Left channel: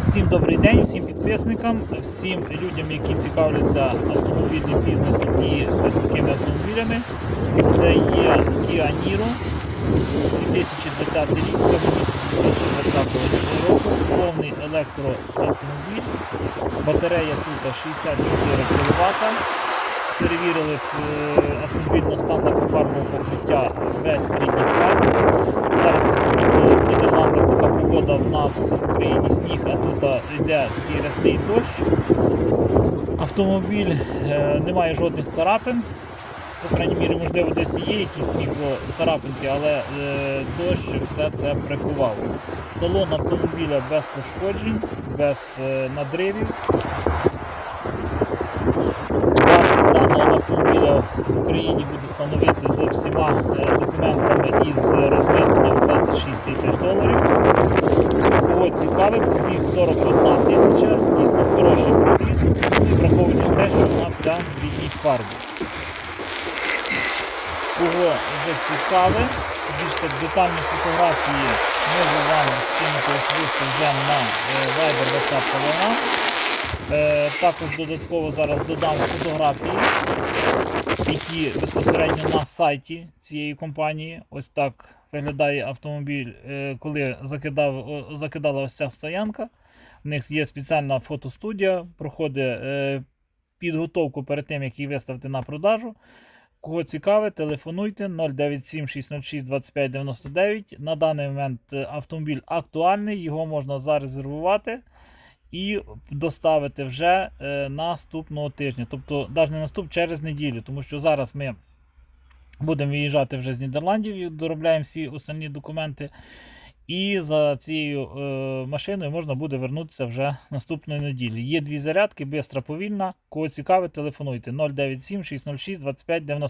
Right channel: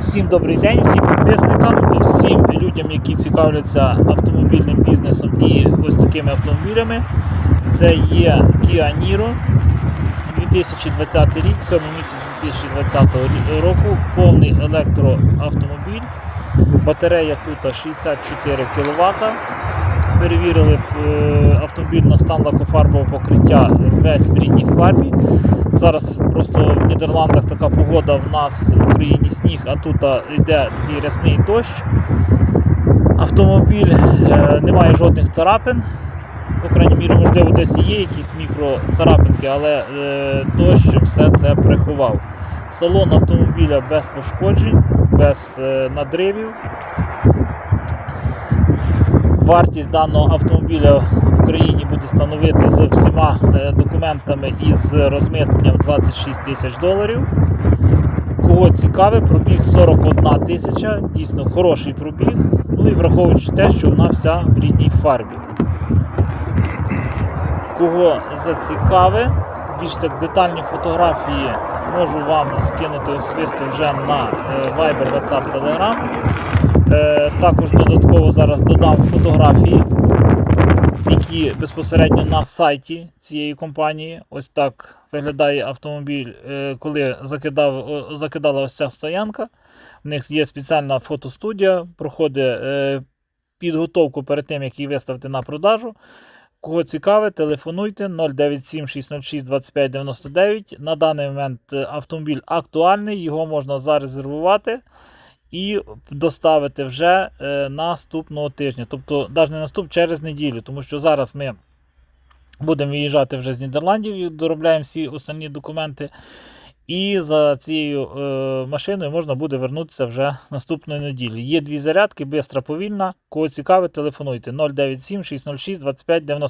Всім добрий день, всім підписникам, всім людям, які цікавляться автомобільним бізнесом і ось такими автомобілями. Це є Kia Niro 2020 рік, 7 місяць 2020 року, повний електроавтомобіль. Батарея тут 64 кВт. Перевірили е, автомобіль на стан лакофарбового покриття весь в рідній фарбі. Зараз просто в Нідерландах така погода, в нас в Україні сніг, а тут йде такий рясний дощ. Автомобіль е, не має жодних царапин. По крайній мірі, можливо, десь є якісь мікроцарапинки, але е, дощ все це приховав. Салон автомобіля без пошкоджень, без надривів. Даного автомобіля в Україні буде становити з всіма е, документами і з розмитненням 26 тисяч доларів. Кого цікавить, пробіг 41 тисяча, дійсно хороший пробіг. Ну і враховуючи те, що вона вся в рідній фарбі. Кого зацікавить, більш так детальні фотографії можу вам скинути особисто вже на е, Viber, WhatsApp, Telegram. Е, Також додатково зараз додам фотографії, які безпосередньо на сайті цієї компанії. Ось так виглядає автомобіль, е, коли закидав, закидала ось ця стоянка. В них є спеціальна фотостудія, проходить е, підготовку перед тим, як її виставити на продажу. Кого цікавить, телефонуйте 097 606 25 99. На даний момент автомобіль актуальний, його можна зарезервувати і доставити вже е, наступного тижня. Тобто, навіть не наступ через неділю, тому що зараз ми будемо виїжджати вже з Нідерландів доробляємо всі останні документи. І за цією е, машиною можна буде вернутися вже наступної неділі. Є дві зарядки, бистра, повільна. Кого цікавить, телефонуйте 097 606 25 90.